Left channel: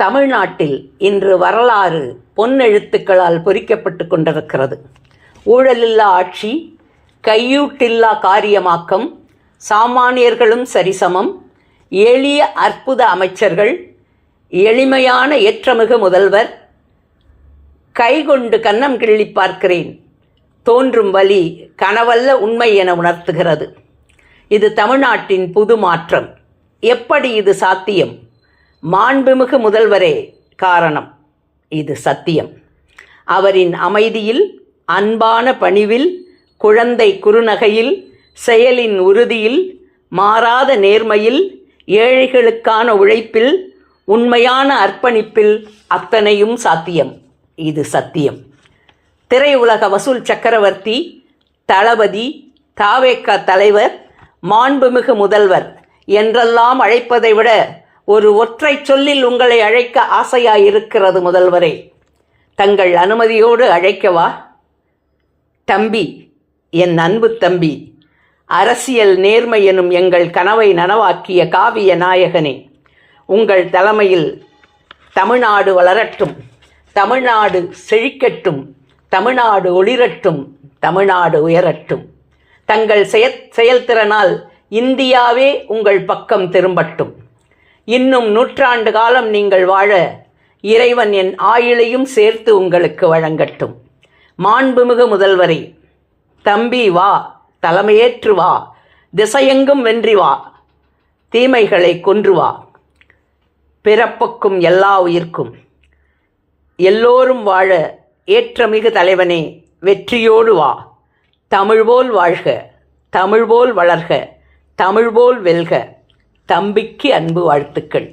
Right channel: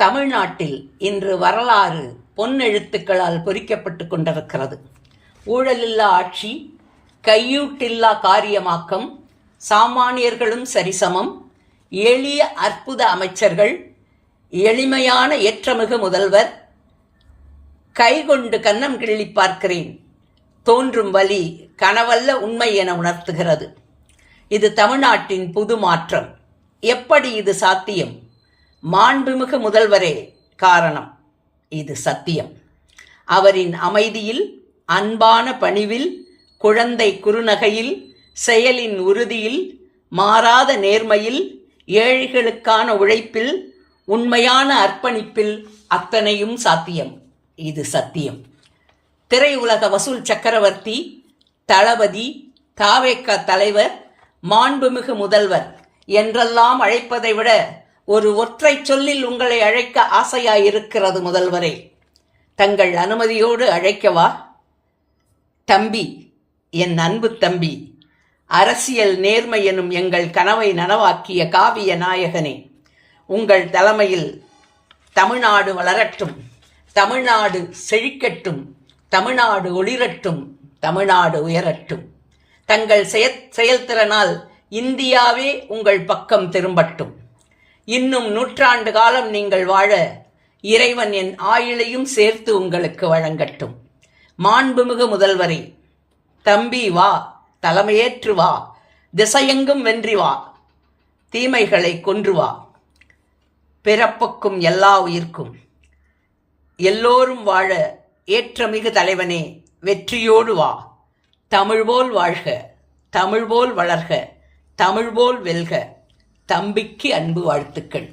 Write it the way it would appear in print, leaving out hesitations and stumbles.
தமிழ்நாட்டில் இன்று வரலாறு பொன்னெழுத்துக்களால் பொறிக்கப்பட்டு கொண்டிருக்கிறது. ஊழலில்லா ஆட்சி, கையூட்டில்லா காரியமாக்கம், சாமானியர்களும் சரிசமம், எளிய அற்புத அமைச்சர்கள், எளிமையான ஏற்றமிகு முதல்வர், கைகொண்டு கன்னம் கிள்ளி பார்க்கிறேன், தோன்றும் வழி கனவல்ல உண்மை என உணர்த்துகிறது. இது தமிழ்நாட்டின் புது மாற்றம். எப்படி இது சாத்தியம்? மாண்புமிகு முதல்வரே காரணம். இது சத்தியம். அவரின் அமைதியில், அன்பான பணிவில், குழந்தை குறுநகையில், செயலின் உறுதியில், மாறாத நேர்மையில், ஏழைகளுக்கான உழைப்பில், உண்மையான அர்ப்பணிப்பில் அத்தனையும் சாத்தியம். இது சத்தியம். திரையுலக வசூல் சக்கரவர்த்தி, தளபதி, தாவேக தலைவர், மாண்புமிகு முதல்வர் என்றெல்லாம் அழைப்பதை விட ஒரு ஒற்றை சொல்லில் உங்களை அழைக்க ஆசையாயிருக்கிறது முதல்வரே. தங்கள் அனுமதியோடு அழைக்கவா? தம்பி, என் அன்பு தம்பி, அரசியல் நேர்மை எனும் எங்கள் கனவை நனவாக்கிய காவிய நாயகனே, உங்கள் தலைமையில் தமிழ்நாடு வளரட்டும், தமிழ்நாடு செழிக்கட்டும், தமிழ்நாடு ஒளிரட்டும், தமிழ்நாடு உயரட்டும். தங்கள் செயல்திறனால் இந்தியாவே உங்கள் பக்கம் திரும்பட்டும். இன்னும் 100 ஆண்டு காலம் நீங்கள் வாழ இறைவன் என் ஆயுளையும் சேர்த்து உங்களுக்கு வழங்கட்டும். மாண்புமிகு முதல்வரே, தம்பி வா, தலைமையேற்று வா, திசையெங்கும் வென்றி வா, தீமைகளை கொன்று வா, பிறப்புக்கும் எல்லா உயிர்க்கும் எல்லோரும் வாழ ஏற்றமிகு தலைவனே வெற்றியோடு வா. தமிழ்போல் வாழ்க, தமிழ்போல் வளர்க, தமிழ்போல் வெல்க. தம்பிக்கு அன்பு வாழ்த்துக்கள்.